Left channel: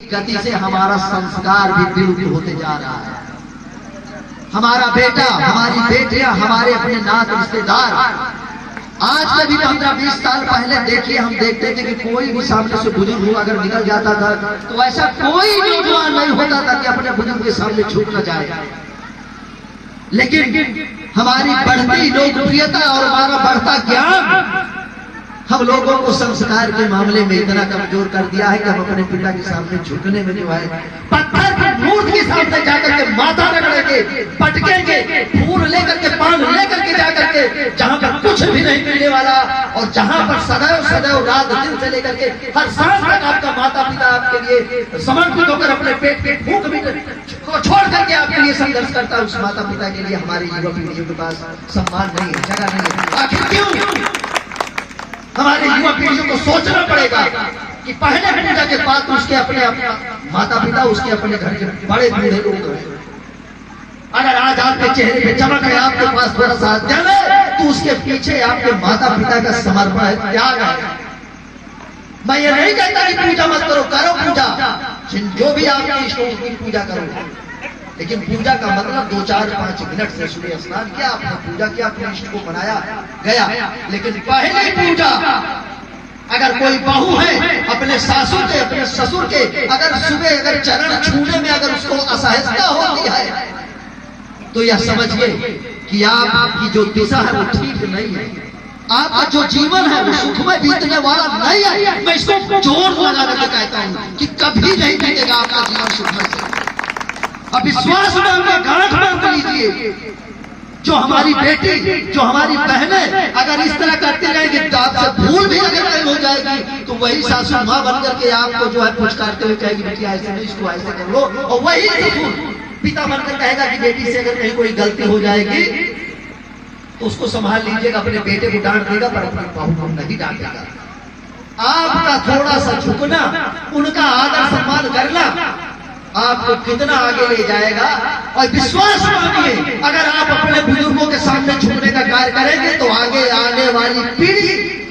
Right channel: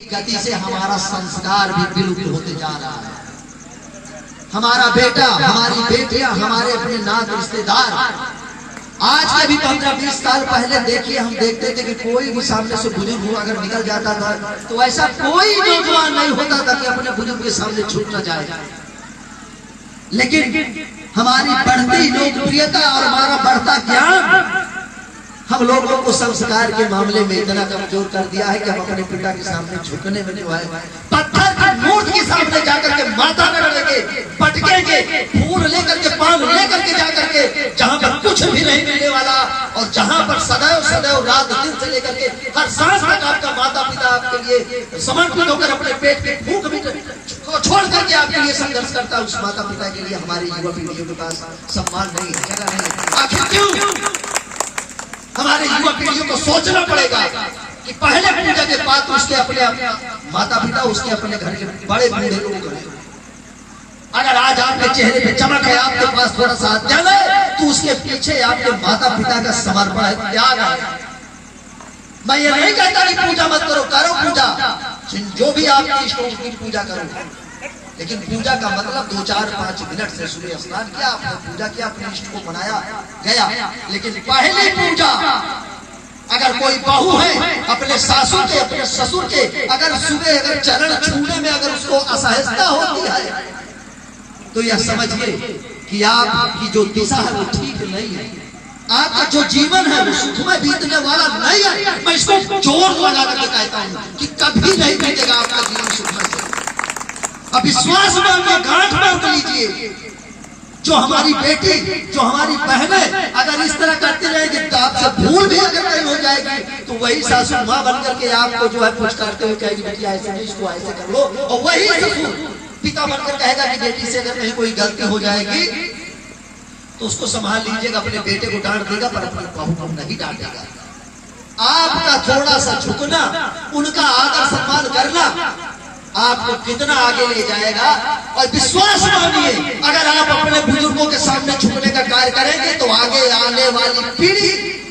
गति से हमारा संस्कार भी विलुप्त होते जा रहा है। हमारा बेटा, हमारी बेटियां, हमारे अपने नात रिश्तेदार, आज से भी 15-20 साल पहले देखिए, हम देखते थे कि कोई भी सामने से बुजुर्ग हो अगर निकल जाता था तो ऐसा कोई नौजवान नहीं होता था कि अपने बुजुर्ग के सामने छूट न जाए। लेकिन हमारी बढ़ती लोकप्रियता और हमारा बढ़ता ज्ञान हम लोगों को संस्कार के मामले में इतना कमजोर कर दिया है कि हम अपने पिता के सामने झुकने में जो है पत्थर की मूर्ति के सामने जाकर के माथा रगड़ेंगे, पटकेंगे, फूल लेकर के, पान लेकर के जाकर के जहां पर कुछ भी नहीं मिलने वाला और जहां पर सदैव सदैव रात दिन से लेकर के हर सांस तक आपका माता पिता आपके लिए समर्पित होकर अपने पेट के भूख भी छोड़ करके आपके लिए संघर्ष करता है। उस माता पिता के लिए हमारे युवा पीढ़ियों के पास सम्मान नहीं है, जगह नहीं है। आखिर क्यों? हमारे युवा पीढ़ियों को सोचना पड़ेगा कि पहले पूजा के बाद उसके अपने माता पिता, उसके अपने घर के बड़े बूढ़े लोग हैं। अगर आज आपके चेहरे पे चमक है, आपके पास थोड़ा सा अध्ययन है, तो उसके पीछे आपके माता पिता का समर्पण है, त्याग है। मैं ये नहीं कहता कि पूजा मत करो, करो पूजा, जो भी आपके इष्टों की पूजा करो, लेकिन पूजा का मतलब 2-4-5 मिनट से सूर्य स्नान किया, आपने पूजा किया, अपने इष्ट को मनाया, गया। लेकिन पहली पूजा अगर कोई बहू है अपने सासू के, अपने ससुर के, अगर सुबह अगर चरण छूने में अगर उसको असहजता होती है तो यह समझिए कि आपकी जो दिशा है वो ठीक नहीं है, आपका जो जीवन है वो सुख में बीतने वाला नहीं है। मैं इसको जोर लगा कर कहता हूँ कि कभी नहीं बीतेगा आपका जीवन सुख में। अब विश्वास मांगे, गांठ बांध लीजिए। जो हमारी बेटी, जो हमारी बहनें अगर इस तरह करती रहेगी तो आपसे भूल भी अगर नहीं हो जाएगी तो वही सासू माँ बन करके आपको जो है पुचकारते हुए कहेगी बेटी ऐसे नहीं, इसको ऐसे कर लो, और वही ससुर पिता बनकर कहेगा कि बेटी से अगर कहीं कोई गलती हो जाएगी तो उसको संभाल लीजिएगा, अपने बेटे को डांट देगा पर अपनी बहू को नहीं डांटेगा। आपका थोड़ा सा झुकना, उनका आदर सम्मान करना आपको कितना आगे ले जाएगा। और विश्वास मानिए, अगर आप अपने बुजुर्गों के सामने झुकने का कार्य करेंगे तो आगे आने वाली पीढ़ी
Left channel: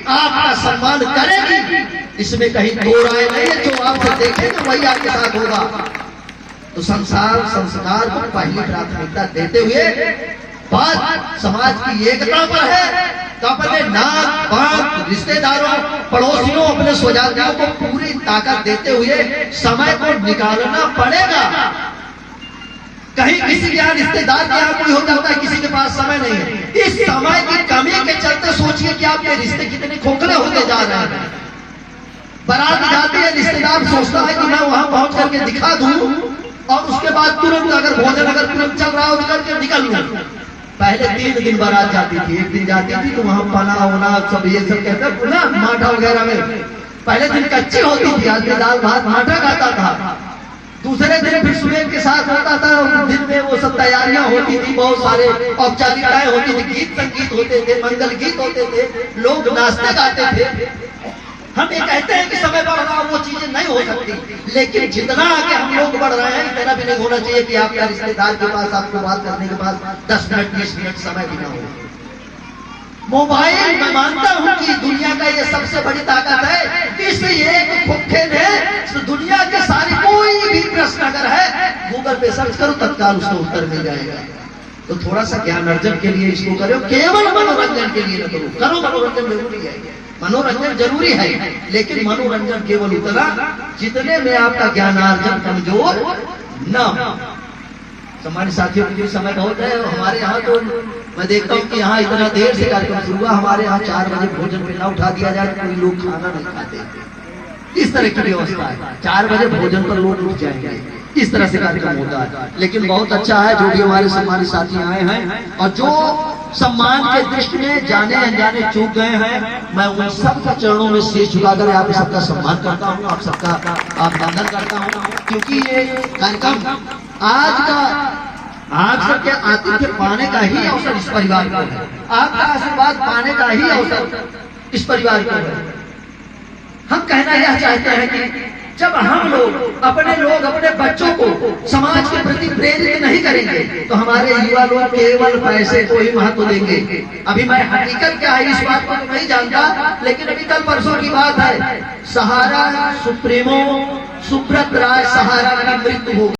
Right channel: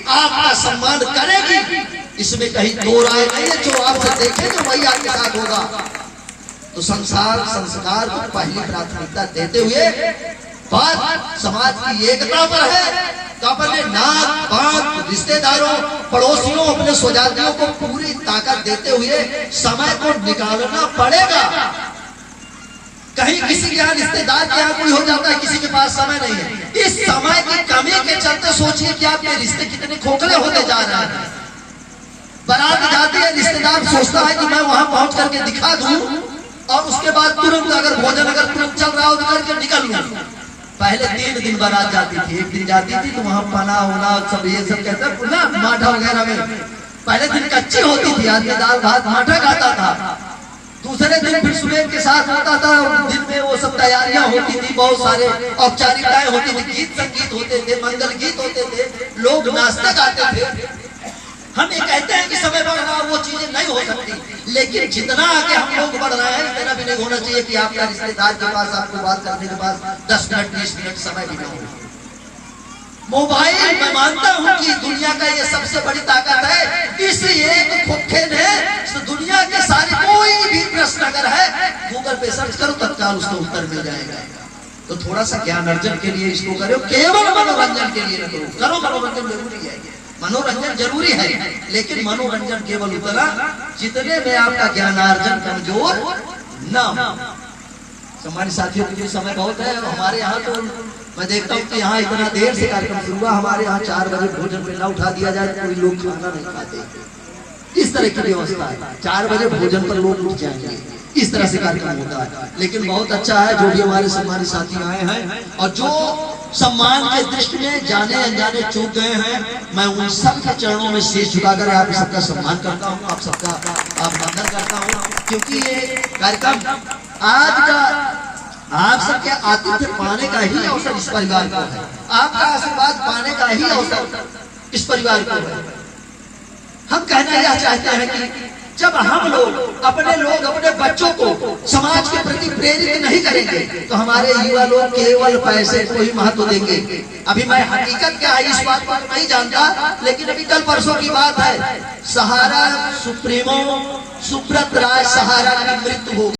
आपका सम्मान करेगी, इसमें कहीं दो राय नहीं है। जो आपसे देखेंगे वही आपके साथ होगा। तो संस्कार को पहली प्राथमिकता देते हुए बात समाज की एकता पर है तो अपने नाक पाक, रिश्तेदारों, पड़ोसियों, अपने स्वजातियों को पूरी ताकत देते हुए समय को निकालना पड़ेगा। कहीं किसी के यहाँ रिश्तेदार के यहाँ कोई हो जाता है, किसी के पास समय नहीं है। इस समय की कमी के चलते सोचिए कि आपके रिश्ते कितने खोखले होते जा रहे हैं। बारात जाती है, रिश्तेदार सोचता है कि मैं वहां पहुंच करके दिखा दूं और उसके बाद तुरंत अगर भोजन अगर तुरंत चल रहा हो तो करके निकल लूं। पहले 3 दिन बारात जाती थी, एक दिन जाती थी तो वहां पाना होना सब ये सब कहते हैं ना, माठा वगैरह में पहले दिन कच्ची होती थी, आदमी दाल भात माठा खाता था। दूसरे दिन फिर सुबह के साथ होता था, दिन में वो सब तैयारियां होती थी, बहुत सारे औपचारिकताएं होती थी, गीत संगीत होते थे, मंगल गीत होते थे, लोग नाचते गाते थे। हम ये कहते हैं कि समय बढ़ रहा, वो चीजें नहीं हो सकती, लेकिन जितना आगे हम लोग बढ़ रहे हैं इतना भी नहीं होना चाहिए कि आपका रिश्तेदार के पास आपको बात करने के बाद 10 मिनट 20 मिनट समय भी ना हो। मोबाइल, मैं मानता हूं कि दुनिया का ये सबसे बड़ी ताकत है। इस एक खोखे ने दुनिया के सारी कोई भी प्रश्न अगर है गूगल पे सर्च करो, तत्काल उसको उत्तर मिल जाएगा। तो थोड़ा सा ज्ञान अर्जन के लिए इसको करो, केवल मनोरंजन के लिए न करो। मनोरंजन जरूरी है, मनोरंजन जरूरी है, लेकिन मनोरंजन केवल उतना जितने में आपका ज्ञानार्जन कमजोर न हो। सम्मानित साथियों, के समय बहुत है। हमारे यहाँ तो मैं देखता हूँ कि यहाँ इतना देर से कार्यक्रम शुरू हुआ, हमारे यहाँ 4 बजे भोजन पे ना उठा दिया जाए कोई लोग खाना नहीं खाते। इस तरह की व्यवस्था है, 4 बजे भोजन पर लोग उठ जाएंगे, इस तरह से कार्यक्रम होता है। लेकिन बहुत अच्छा है जो भी हमारे सम्मानित साथी आए हैं और जो सम्मान के दृष्टि में जाने अनजाने चूक गए हैं, मैं उन सबके चरणों में शीश झुकाकर आप सबका सम्मान करता हूँ, आप सबका अभिनंदन करता हूँ, क्योंकि ये कार्यक्रम आज का आप सबके आतिथ्य पाने का ही अवसर इस परिवार को है, आपका आशीर्वाद पाने का ही अवसर इस परिवार को है। हम कहना यह चाहते हैं कि जब हम लोग अपने बच्चों को समाज के प्रति प्रेरित नहीं करेंगे तो हमारे युवा लोग केवल पैसे को ही महत्व देंगे। अभी मैं हकीकत क्या है इस बात को नहीं जानता, लेकिन अभी कल परसों की बात है, सहारा सुप्रीमो सुब्रत राय सहारा की मृत्यु हो